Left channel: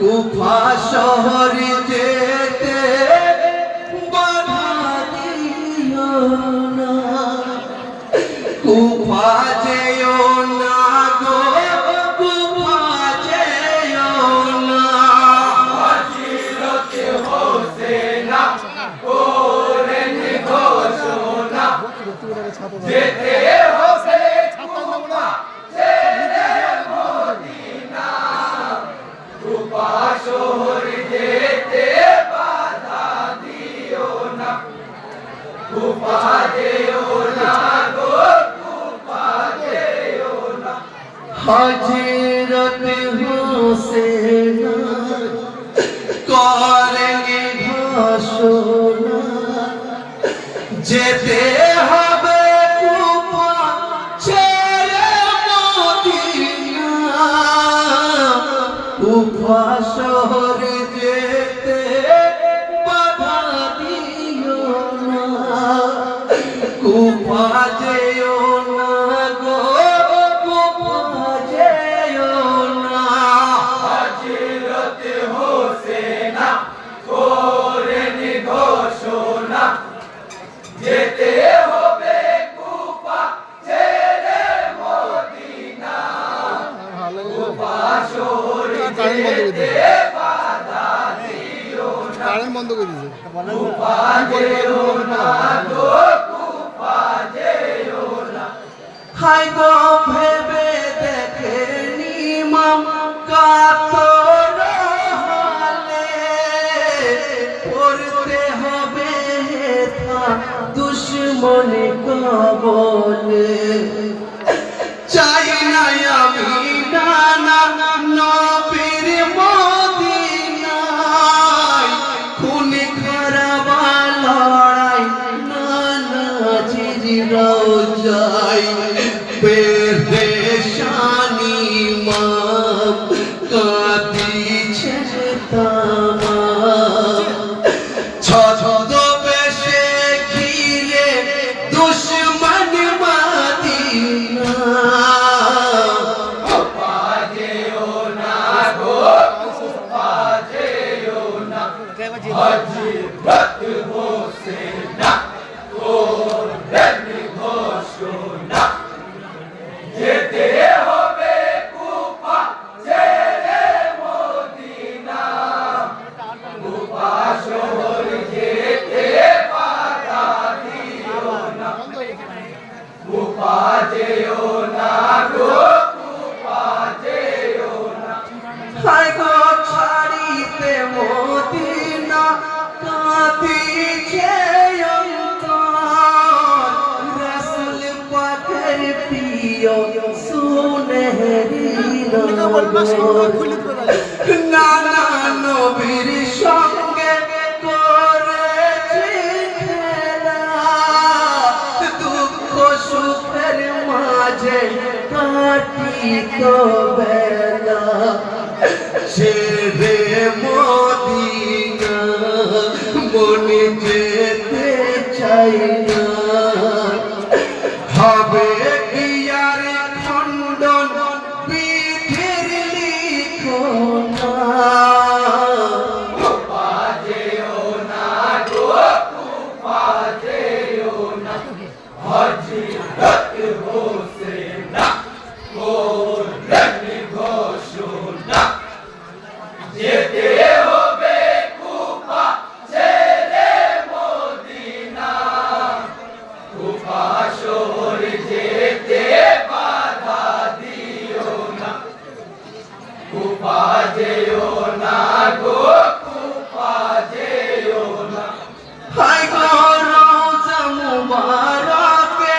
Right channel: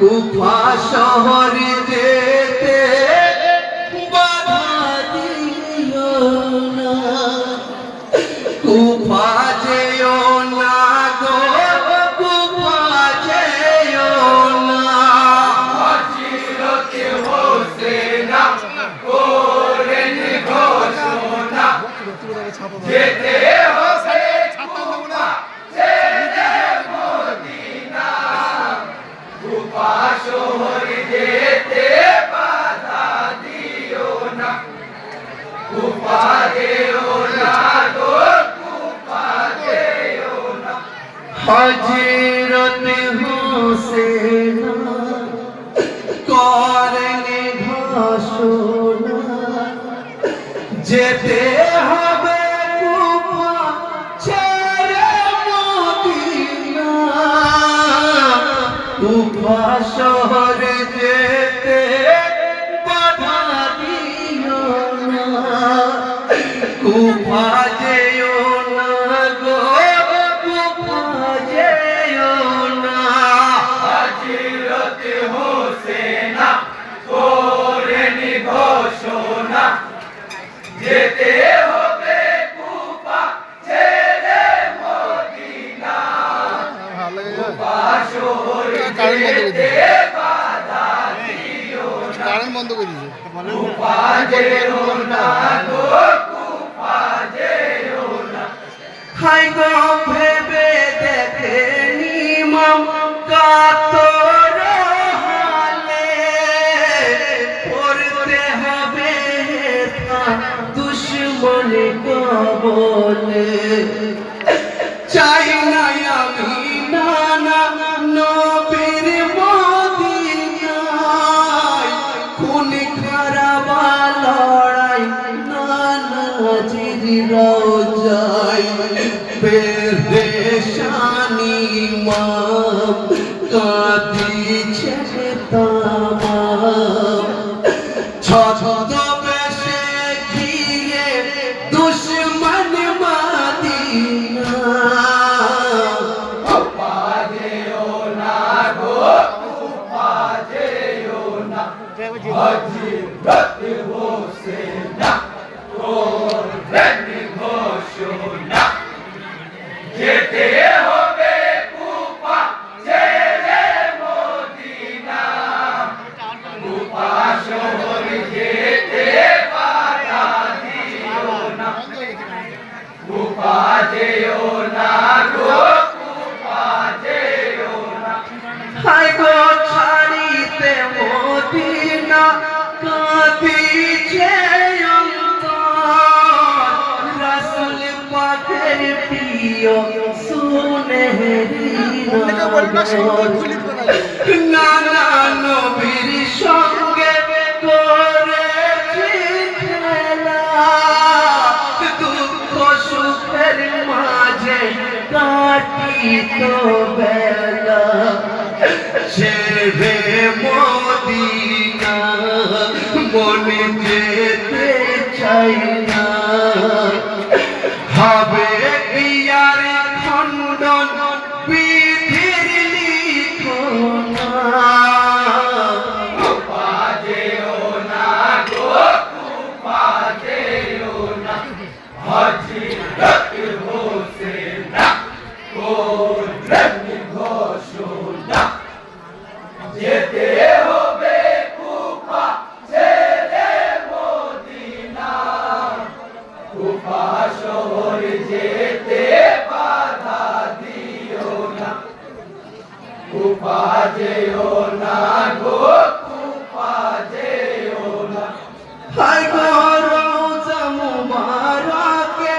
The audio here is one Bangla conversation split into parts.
কুফা শহরে যেতে বাধা দিও না, কুফা যেও না গো, কুফা যেও না। হযরত হোসেন করেন ঘোষণা, যেতে হবে কুফা ছেড়ে মদিনা, কুফা শহর যেতে বাধা দিও না, কুফা যেও না গো, কুফা যেও না। হযরত হোসেন করেন ঘোষণা, যেতে হবে কুফা ছেড়ে মদিনা, কুফা শহরে যেতে বাধা দিও না, কুফা যেও না গো, কুফা যেও না। হযরত হোসেন করেন ঘোষণা, যেতে হবে কুফা ছেড়ে মদিনা, কুফা শহর যেতে বাধা দিও না, কুফা যেও না গো, কুফা যেও না। হায় গো ভেবে দেখেনি মম কাতর হালে, পড়তে হবে দুশ্মন কবলে। চাই না আমি নানা নবীর মদিনায়, খুন খারাপ লড়াই নানাজির রওজায়, পেরেশানি মাম কাঁদিছে তামাম, ছদ্মবেশে ঘিরে দুশ্মন মদিনা, কুফা যেও না গো, কুফা যেও না। হযরত হোসেন করেন ঘোষণা, যেতে হবে কুফা ছেড়ে মদিনা, কুফা শহর যেতে বাধা দিও না, কুফা যেও না গো, কুফা যেও না। হায় গো ছাড়িতে মদিনা কাঁদিছে অন্তর, রাসূল পাকের প্রিয় সুনেহরি নয়ন, নানা নবীর সঙ্গে করেছি খেলা, দুঃখ সুখের মাঝে কাটিত বেলা, ছেড়ে মদিনা মনে যেতে চাই না, হবে ইয়ার খণ্ডন বিধির লিখনা, কুফা যেও না গো, কুফা যেও না। হযরত হোসেন করেন ঘোষণা, যেতে হবে কুফা ছেড়ে মদিনা, কুফা শহর যেতে বাধা দিও না, কুফা যেও না গো, কুফা যেও না। হায় গো রওজা মুবারকে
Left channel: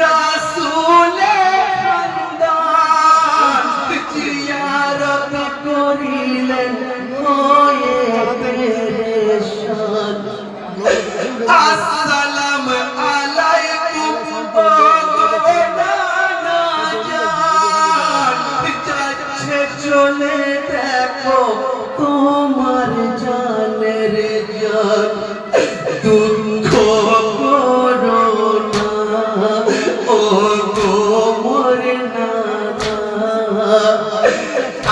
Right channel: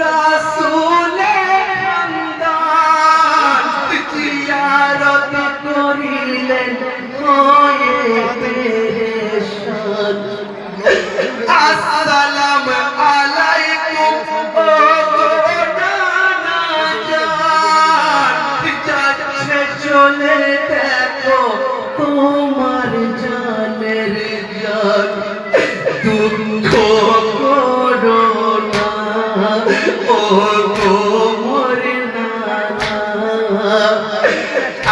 রাসূলের খানদান, জিয়ারত করিলেন হয়ে পেরেশান, আসসালামু আলাইকুম ও গো নানা জান, যাচ্ছে চলে দেখো তোমার জানের জান, দুঃখ করো না ও গো মোর নানা,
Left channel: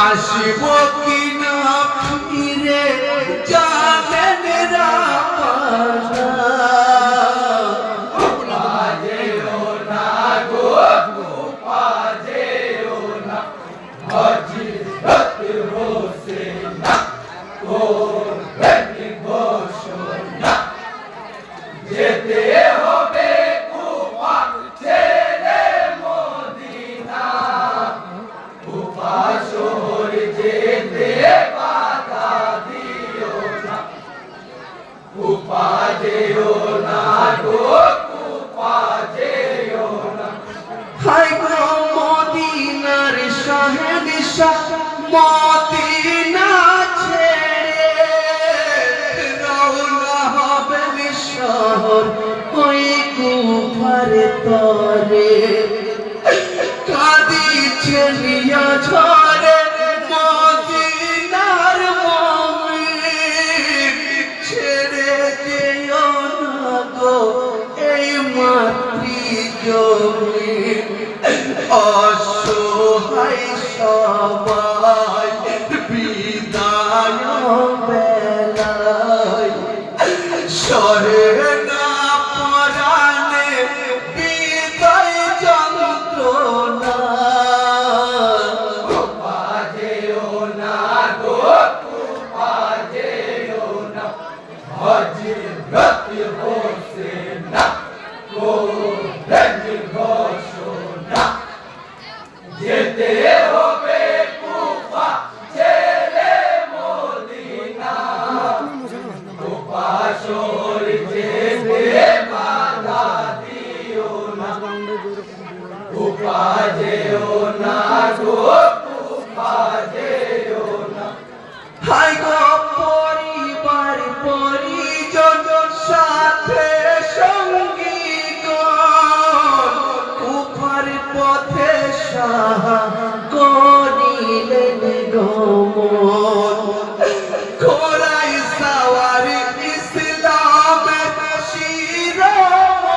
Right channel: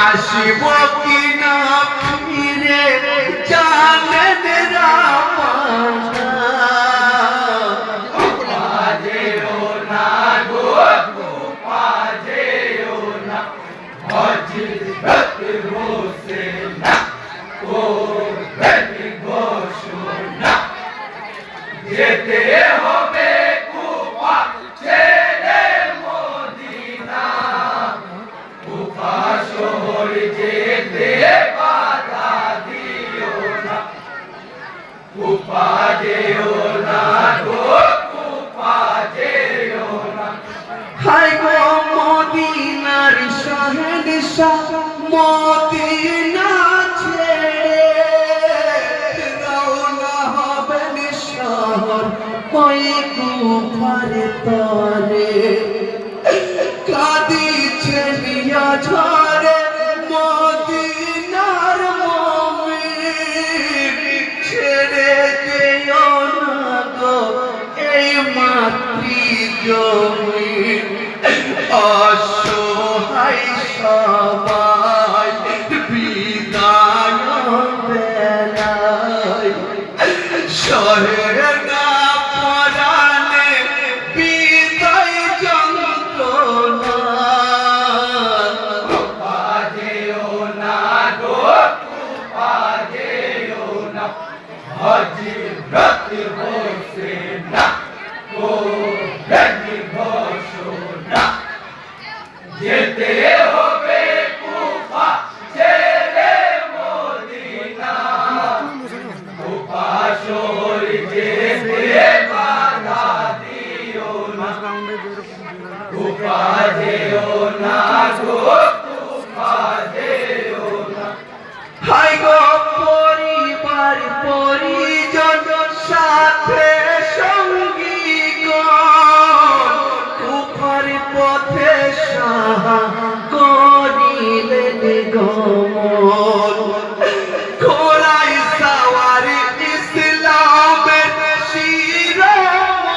আসিব কিনা অসহায় সবাই বিদায় বেলায় সহে না পরাণে বিদায় যন্ত্রণা বাজেও না গো বাজেও না হযরত হোসেন গো রেডি ঘোষণা যেতে হবে কুফা ছেড়ে মদিনা কুফা শহর যেতে বাধা দিও না কুফা যেও না গো কুফা যেও না হাই গো পরিবার পরিজন সাথে সঙ্গী গণ কুফার পথে সাহা করিলেন গমন ঘোড়ায় সওয়ার ইসলামের শিরোমণি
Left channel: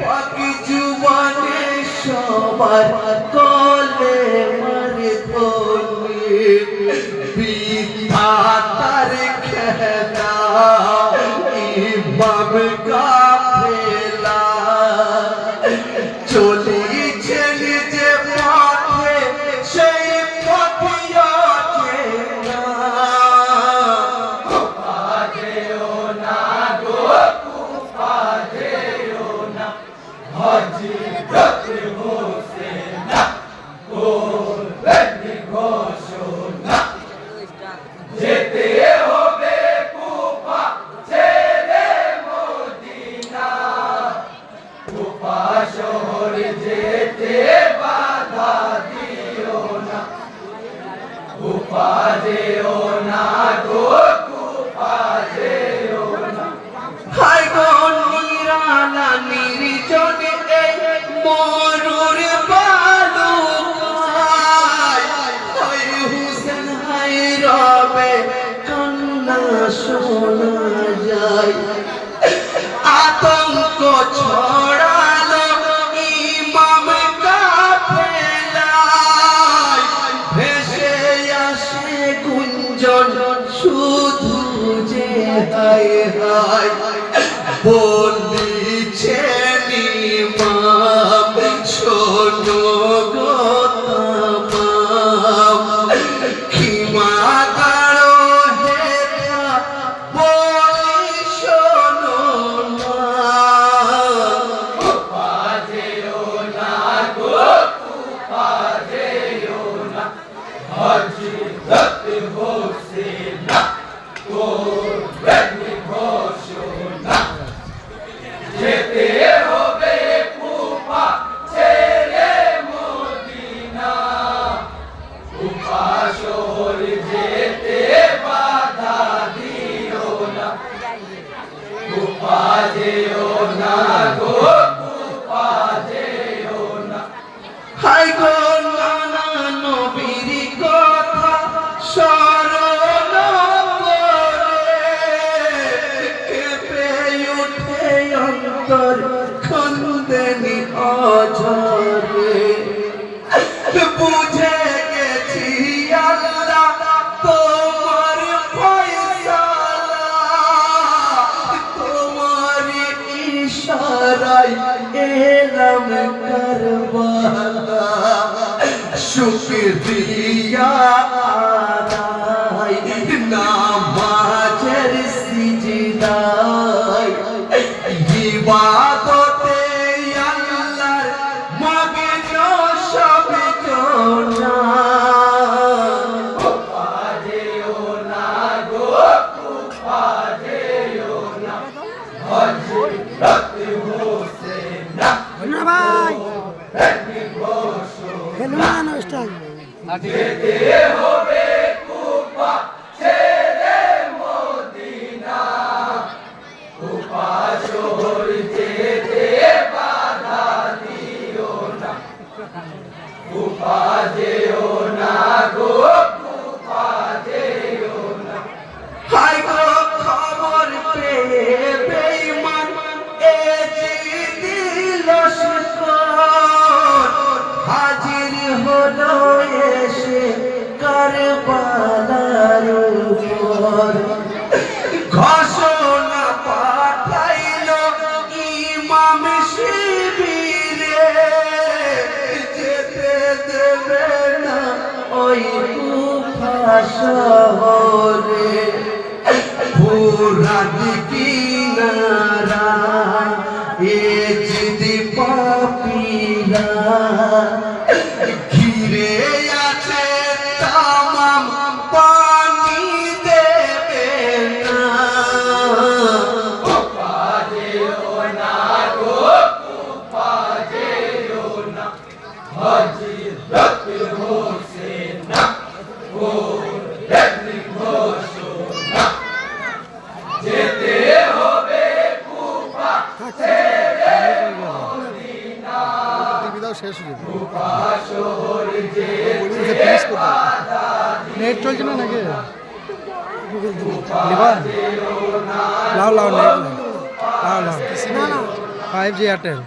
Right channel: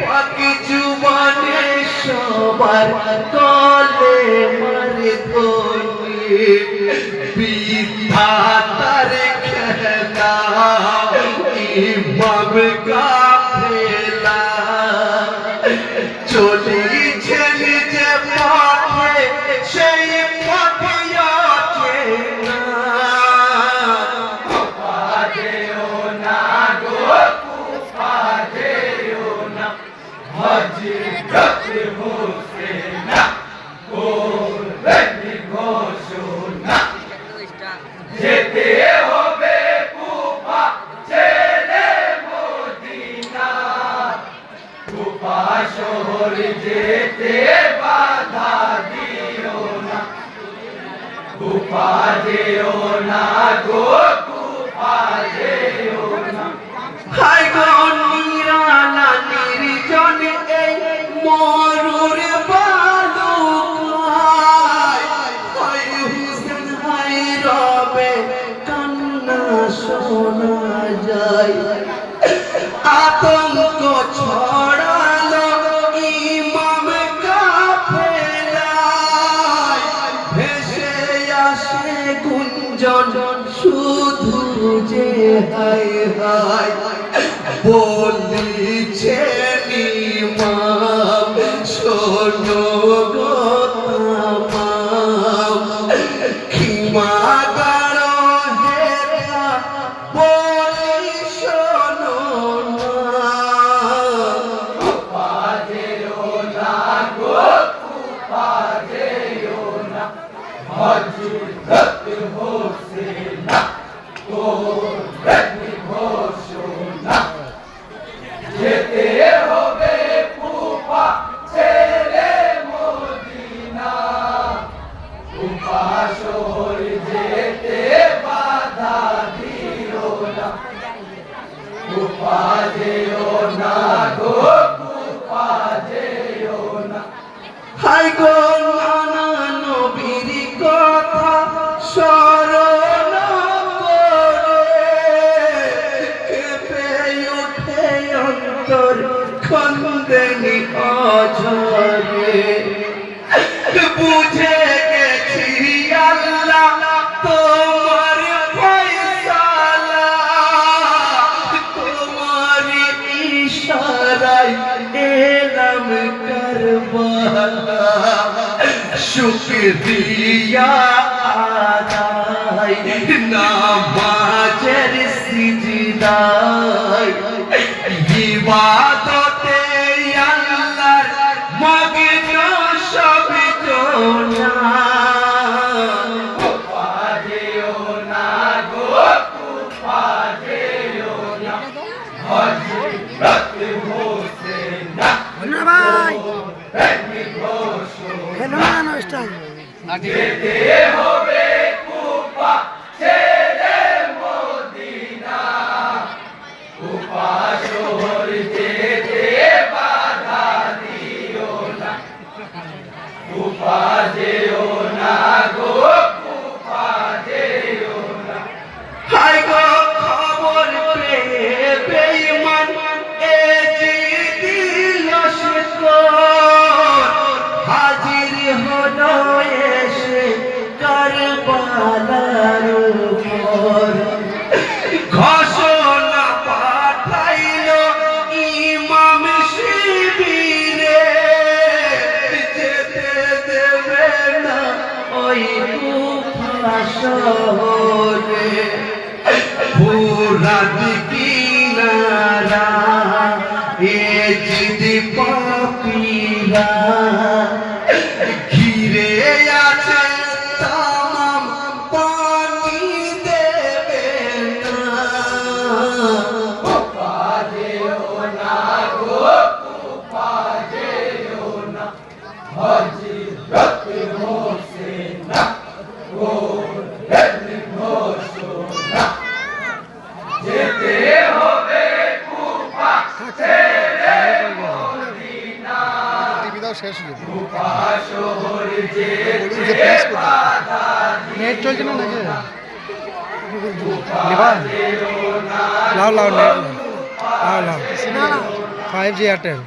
পাকি জুবানে সবার গলে মারে ধনি বিধাতার খেলা ইমাম কাফেলা চলেছেন যে পথে সেই পথে অচেনা বাজেও না গো বাজেও না হযরত হোসেন গো রেডি ঘোষণা যেতে হবে কুফা ছেড়ে মদিনা কুফা শহর যেতে বাধা দিও না কুফা যেও না গো কুফা যেও না হাই গো নিরালা নির্জন এই মরুর বালুকায় হাই হুসেন হাই রবে কান্না শোনা যায় আতঙ্ক ছড়ালো ইমাম কাফেলায় ভেসে আসে গুঞ্জন শুধু যে হায় হায় বলিছে ইমাম শোনো গো তামাম ক্ষমা করো হেরা বলি শোনো না বাজেও না গো বাজেও না হযরত হোসেন গো রেডি ঘোষণা যেতে হবে কুফা ছেড়ে মদিনা কুফা শহর যেতে বাধা দিও না কুফা যেও না গো কুফা যেও না হাই গো নানা নবীর কথা স্মরণ করে কেঁপে উঠে অন্তর খন্দনি অঝরে বুঝে গেছি আল্লাহ তোমার ফয়সালা তোমার ইশারায় এলাম কারবালা শুকরিয়া আদায় নামাজের সিজদায় ইবাদতে আল্লাহর মগ্ন সব জনা কুফা যেও না গো কুফা যেও না হযরত হোসেন ভাই রেডি ঘোষণা ফেলুন না স্টাইল যেতে হবে কুফা ছেড়ে মদিনা কুফা শহর যেতে বাধা দিও না কুফা যেও না গো কুফা যেও না হাই গো খবর পেয়ে বেঈমান এ যে দিল শেষ হয়ে যাবে কুফা শহর যেতে নেট চলছে না নাকি নেবা লাও লাও নেট লাও লাও 5G এয়ারটেল